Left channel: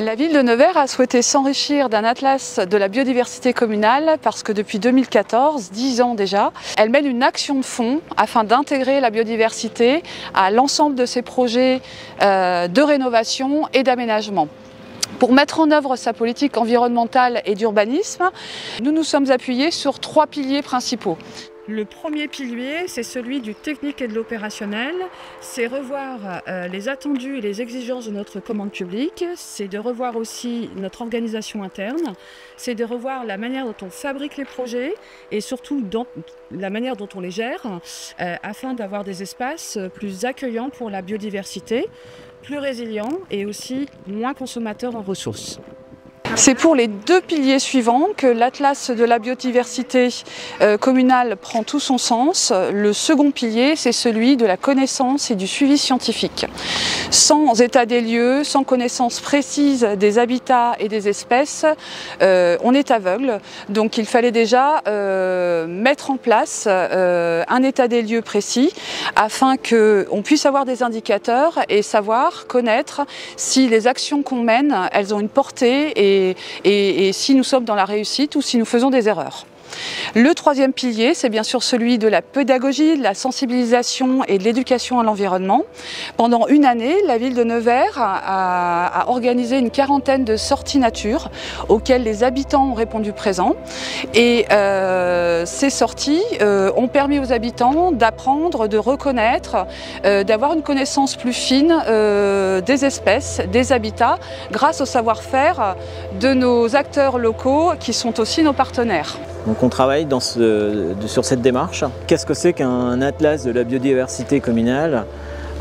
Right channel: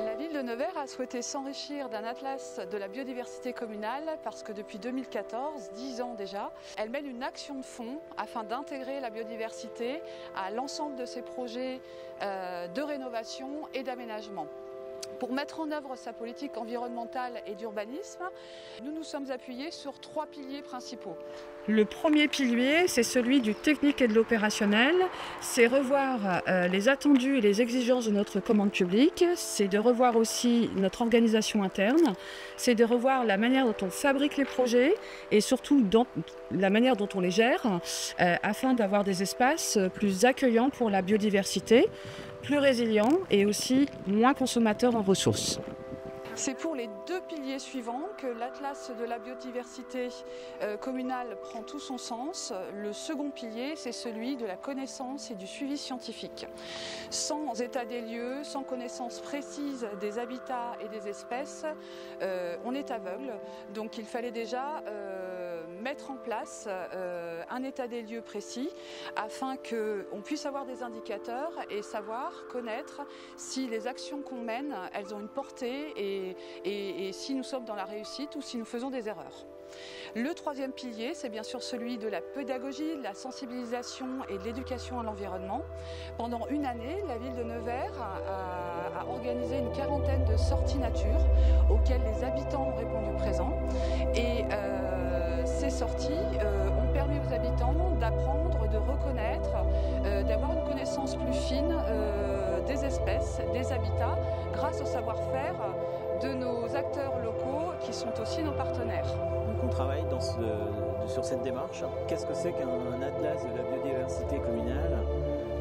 La ville de Nevers a souhaité s'enrichir d'un atlas de la biodiversité communale parce que depuis 2014, 10 ans déjà, elle mène une action de fond afin d'intégrer la biodiversité à l'ensemble de ses projets de rénovation et d'aménagement. Pour mettre en œuvre sa politique environnementale et d'urbanisme, nous nous sommes appuyés sur 3 piliers principaux. Le premier pilier, c'est celui du technique et de l'opérationnel. C'est revoir les attendus et les exigences de notre commande publique. C'est de revoir aussi notre organisation interne. C'est de revoir la manière dont on fabrique les projets et surtout la manière dont on les gère afin d'avoir des espaces plus accueillants pour la biodiversité, plus résilients et aussi moins consommateurs en ressources. C'est pour les 2 piliers suivants que l'Atlas de la biodiversité communale prend tout son sens. Le second pilier, c'est celui de la connaissance et du suivi scientifique. Sans état des lieux, sans connaissance précise des habitats et des espèces, on est aveugle. Donc il fallait déjà mettre en place un état des lieux précis afin qu'on puisse avoir des indicateurs et savoir, connaître si les actions qu'on mène, elles ont une portée et si nous sommes dans la réussite ou si nous faisons des erreurs. Le 3e pilier, c'est bien sûr celui de la pédagogie, de la sensibilisation et de l'éducation à l'environnement. Pendant une année, la ville de Nevers a organisé une 40aine de sorties nature auxquelles les habitants ont répondu présent. Et ces sorties ont permis aux habitants d'apprendre, de reconnaître, d'avoir une connaissance plus fine des espèces, des habitats, grâce au savoir-faire de nos acteurs locaux qui sont aussi nos partenaires. Donc on travaille sur cette démarche. Qu'est-ce que c'est qu'un atlas de la biodiversité communale?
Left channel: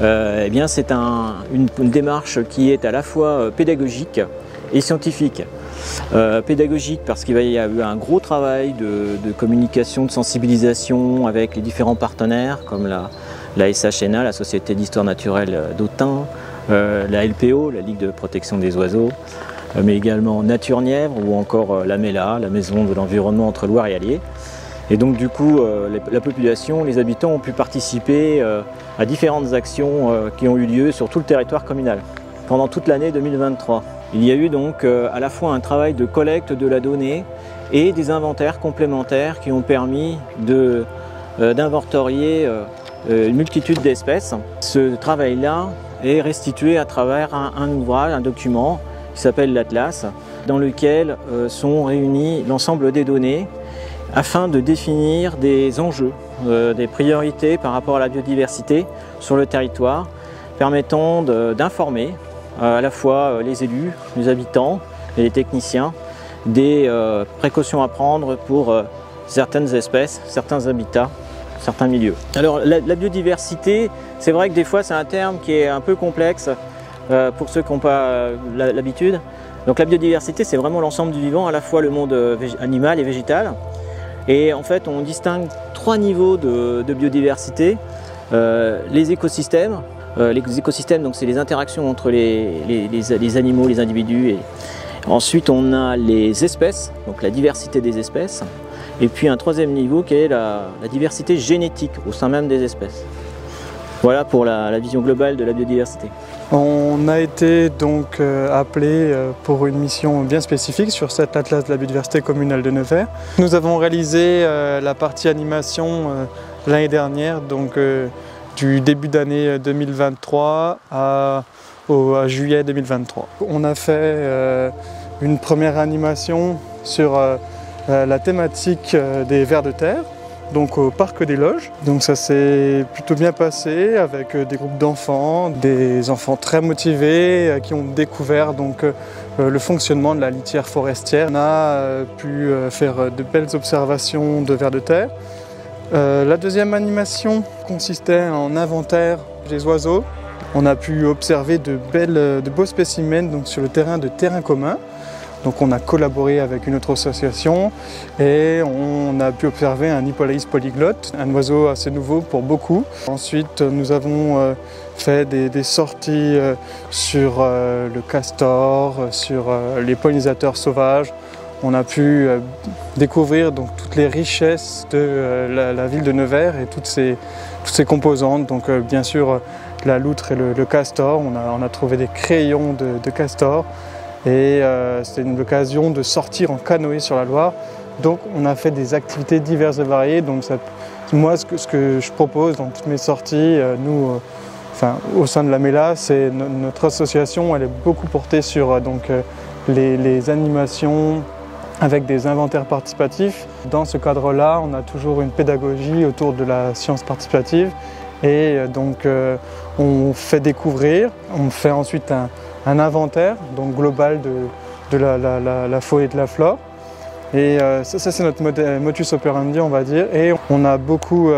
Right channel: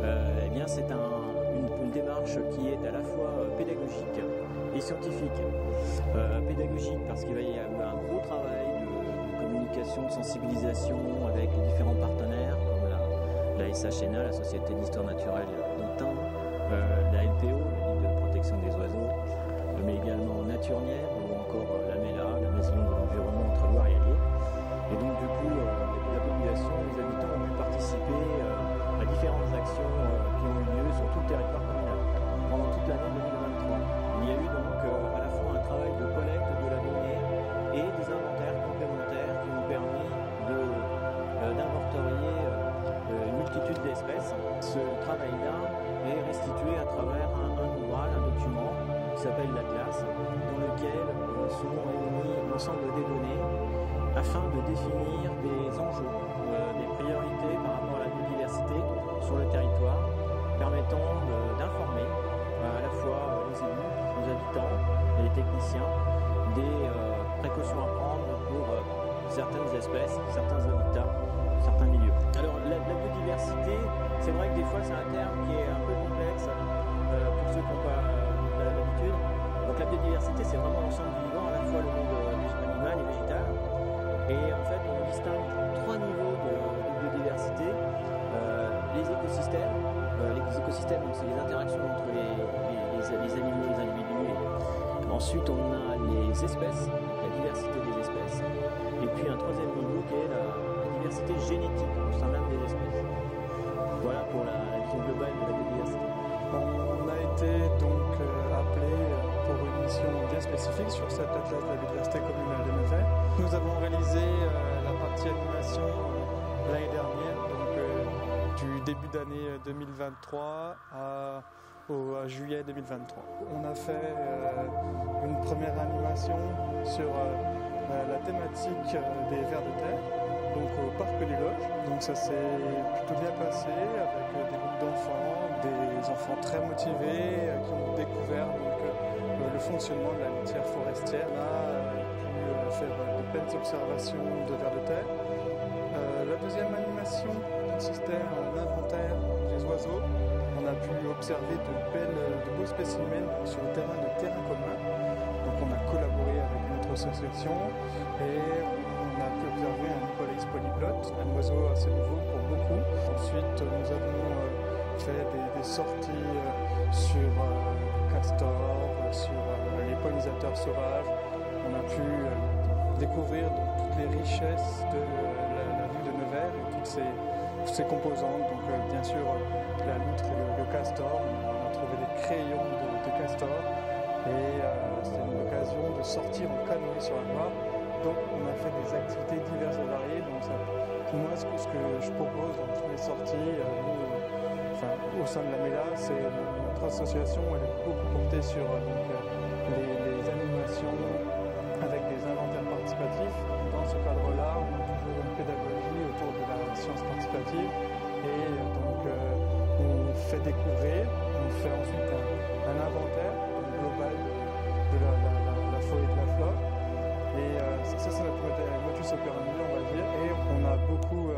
Eh bien, c'est une démarche qui est à la fois pédagogique et scientifique. Pédagogique parce qu'il y a eu un gros travail de communication, de sensibilisation avec les différents partenaires comme la SHNA, la Société d'Histoire Naturelle d'Autun, la LPO, la Ligue de Protection des Oiseaux, mais également Nature Nièvre ou encore la MELA, la Maison de l'Environnement entre Loire et Allier. Et donc du coup, la population, les habitants ont pu participer à différentes actions qui ont eu lieu sur tout le territoire communal pendant toute l'année 2023. Il y a eu donc à la fois un travail de collecte de la donnée et des inventaires complémentaires qui ont permis d'inventorier une multitude d'espèces. Ce travail-là est restitué à travers un ouvrage, un document qui s'appelle l'Atlas, dans lequel sont réunies l'ensemble des données afin de définir des enjeux, des priorités par rapport à la biodiversité sur le territoire, permettant d'informer à la fois les élus, les habitants et les techniciens des précautions à prendre pour certaines espèces, certains habitats, certains milieux. Alors la biodiversité, c'est vrai que des fois c'est un terme qui est un peu complexe pour ceux qui n'ont pas l'habitude. Donc la biodiversité, c'est vraiment l'ensemble du vivant, à la fois le monde animal et végétal. Et en fait, on distingue 3 niveaux de biodiversité. Les écosystèmes. Les écosystèmes, donc c'est les interactions entre les animaux, les individus. Et ensuite, on a les espèces, donc la diversité des espèces. Et puis un 3e niveau qui est la diversité génétique au sein même des espèces. Voilà pour la vision globale de la biodiversité. On a été donc appelé pour une mission bien spécifique sur cet atlas de la biodiversité communale de Nevers. Nous avons réalisé la partie animation l'année dernière, donc du début d'année 2023 à juillet 2023. On a fait une première animation sur la thématique des vers de terre, donc au Parc des Loges. Donc ça s'est plutôt bien passé avec des groupes d'enfants, des enfants très motivés qui ont découvert donc, le fonctionnement de la litière forestière. On a pu faire de belles observations de vers de terre. La 2e animation consistait en inventaire des oiseaux. On a pu observer de beaux spécimens donc, sur le terrain de terrain commun. Donc on a collaboré avec une autre association et on a pu observer un Hippolaïs polyglotte, un oiseau assez nouveau pour beaucoup. Ensuite, nous avons fait des sorties sur le castor, sur les pollinisateurs sauvages. On a pu découvrir donc, toutes les richesses de la ville de Nevers et toutes ses composantes. Donc bien sûr la loutre et le castor, on a trouvé des crayons de castor. et c'est l'occasion de sortir en canoë sur la Loire. Donc on a fait des activités diverses et variées. Donc moi, ce que je propose dans toutes mes sorties, au sein de la MELA, c'est notre association, elle est beaucoup portée sur les animations avec des inventaires participatifs. Dans ce cadre-là, on a toujours une pédagogie autour de la science participative et on fait découvrir, on fait ensuite un inventaire global de la faune et de la flore. Et ça c'est notre modus operandi, on va dire, et on a beaucoup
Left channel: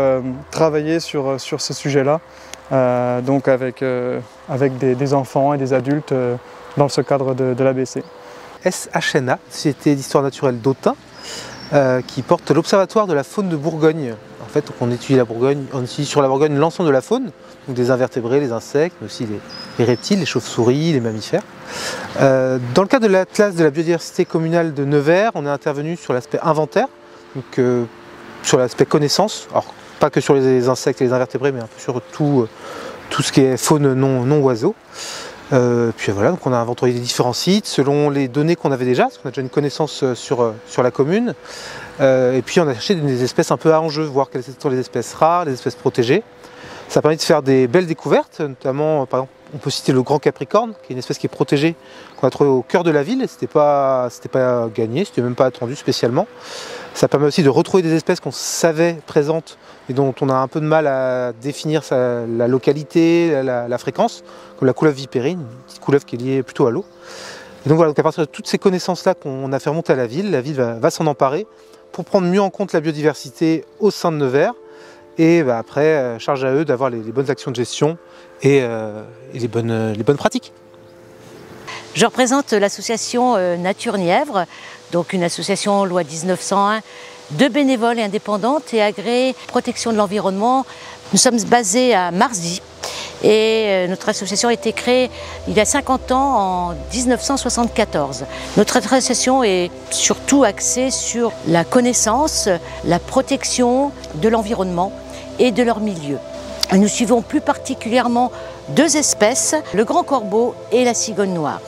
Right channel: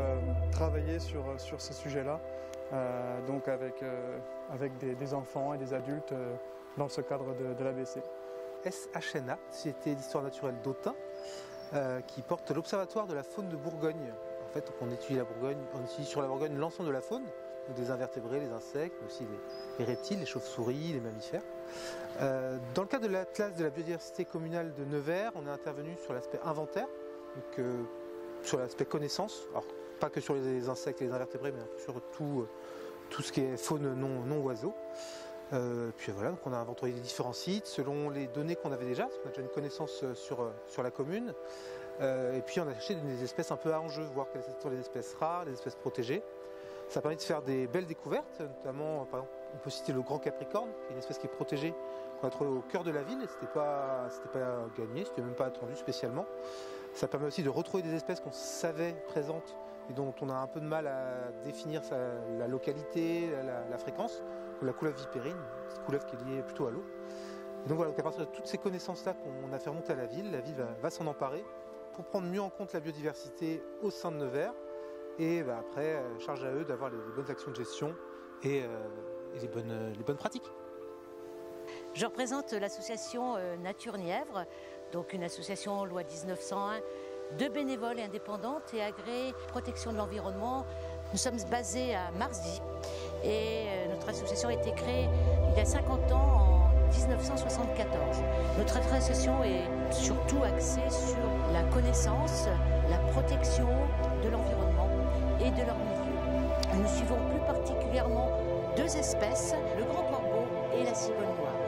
travaillé sur ce sujet-là, avec des enfants et des adultes dans ce cadre de l'ABC. SHNA, Société d'histoire naturelle d'Autun, qui porte l'Observatoire de la faune de Bourgogne. En fait, on étudie la Bourgogne, on étudie sur la Bourgogne l'ensemble de la faune, donc des invertébrés, les insectes, mais aussi les reptiles, les chauves-souris, les mammifères. Dans le cadre de l'Atlas de la biodiversité communale de Nevers, on est intervenu sur l'aspect inventaire, donc sur l'aspect connaissance, alors pas que sur les insectes et les invertébrés, mais un peu sur tout ce qui est faune non oiseaux. Puis voilà, donc on a inventorié les différents sites selon les données qu'on avait déjà, parce qu'on a déjà une connaissance sur la commune. Et puis on a cherché des espèces un peu à enjeu, voir quelles sont les espèces rares, les espèces protégées. Ça a permis de faire des belles découvertes, notamment par exemple on peut citer le grand capricorne, qui est une espèce qui est protégée, qu'on a trouvé au cœur de la ville, et c'était pas gagné, c'était même pas attendu spécialement. Ça permet aussi de retrouver des espèces qu'on savait présentes et dont on a un peu de mal à définir la localité, la fréquence, comme la couleuvre vipérine, une petite couleuvre qui est liée plutôt à l'eau. Et donc voilà, donc à partir de toutes ces connaissances-là qu'on a fait remonter à la ville va s'en emparer pour prendre mieux en compte la biodiversité au sein de Nevers. Et après, charge à eux d'avoir les bonnes actions de gestion et les bonnes pratiques. Je représente l'association Nature Nièvre, donc une association loi 1901 de bénévoles et indépendantes et agréée protection de l'environnement. Nous sommes basés à Marzy et notre association a été créée il y a 50 ans, en 1974. Notre association est surtout axée sur la connaissance, la protection de l'environnement et de leur milieu. Nous suivons plus particulièrement deux espèces, le grand corbeau et la cigogne noire.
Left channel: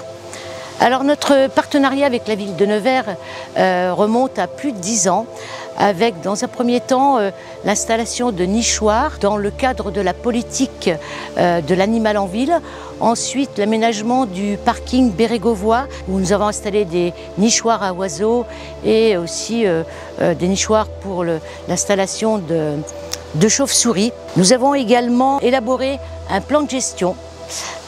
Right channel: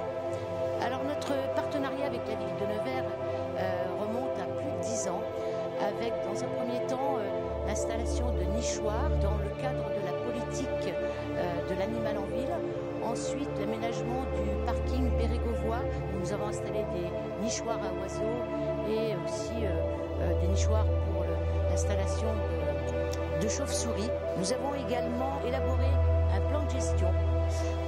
Alors notre partenariat avec la ville de Nevers remonte à plus de 10 ans, avec dans un premier temps l'installation de nichoirs dans le cadre de la politique de l'animal en ville. Ensuite, l'aménagement du parking Bérégovois, où nous avons installé des nichoirs à oiseaux et aussi des nichoirs pour l'installation de chauves-souris. Nous avons également élaboré un plan de gestion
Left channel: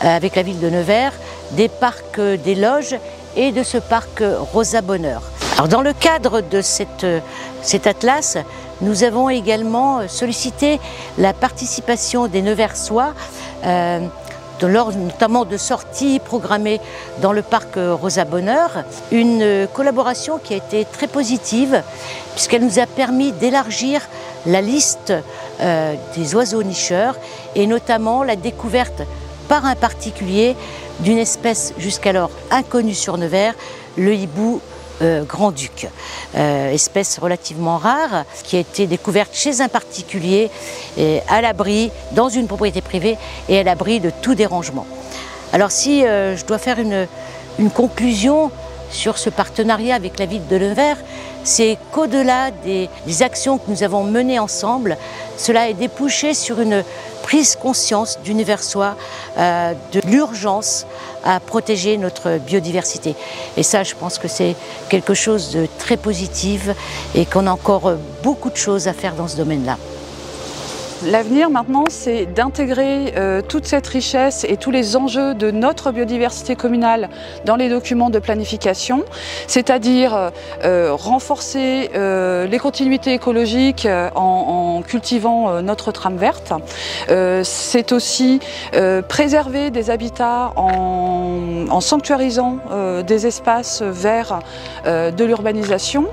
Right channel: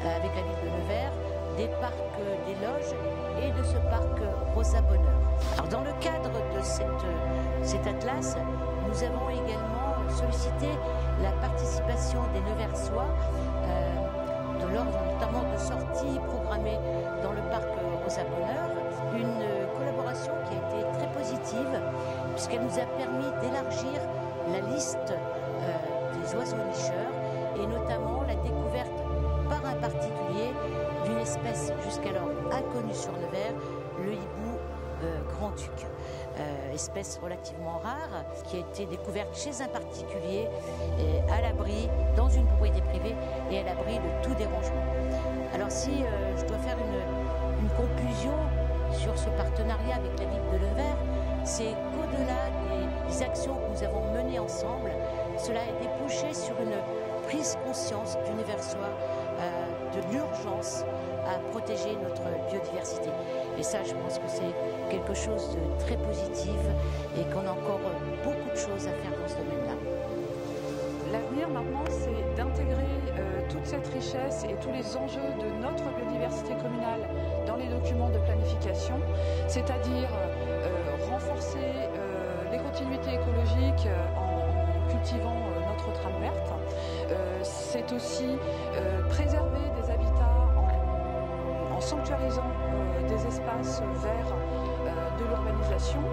avec la ville de Nevers, des parcs des Loges et de ce parc Rosa Bonheur. Alors dans le cadre de cet atlas, nous avons également sollicité la participation des Neversois, lors notamment de sorties programmées dans le parc Rosa Bonheur, une collaboration qui a été très positive puisqu'elle nous a permis d'élargir la liste des oiseaux nicheurs et notamment la découverte par un particulier d'une espèce jusqu'alors inconnue sur Nevers, le hibou grand-duc, espèce relativement rare qui a été découverte chez un particulier à l'abri, dans une propriété privée et à l'abri de tout dérangement. Alors si je dois faire une conclusion sur ce partenariat avec la ville de Nevers, c'est qu'au-delà des actions que nous avons menées ensemble, cela a débouché sur une prise conscience du Neversois de l'urgence à protéger notre biodiversité. Et ça, je pense que c'est quelque chose de très positif et qu'on a encore beaucoup de choses à faire dans ce domaine-là. L'avenir maintenant, c'est d'intégrer toute cette richesse et tous les enjeux de notre biodiversité communale dans les documents de planification, c'est-à-dire renforcer les continuités écologiques en cultivant notre trame verte. C'est aussi préserver des habitats en sanctuarisant des espaces verts de l'urbanisation.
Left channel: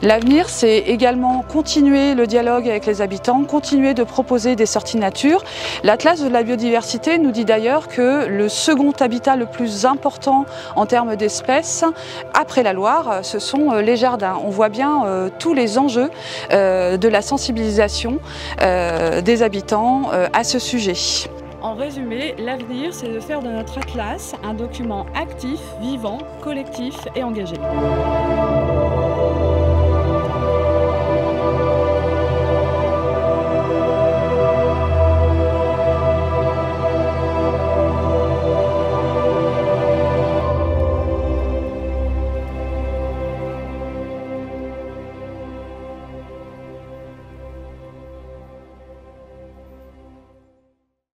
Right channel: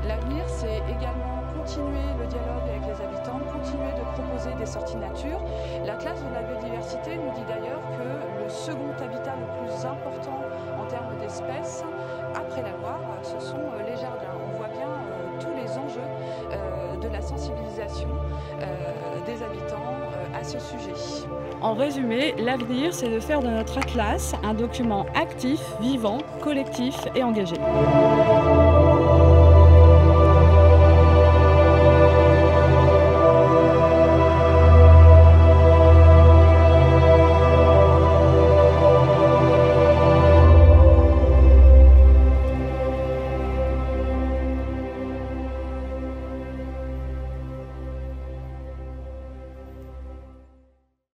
L'avenir, c'est également continuer le dialogue avec les habitants, continuer de proposer des sorties nature. L'Atlas de la biodiversité nous dit d'ailleurs que le second habitat le plus important en termes d'espèces, après la Loire, ce sont les jardins. On voit bien tous les enjeux de la sensibilisation des habitants à ce sujet. En résumé, l'avenir, c'est de faire de notre atlas un document actif, vivant, collectif et engagé.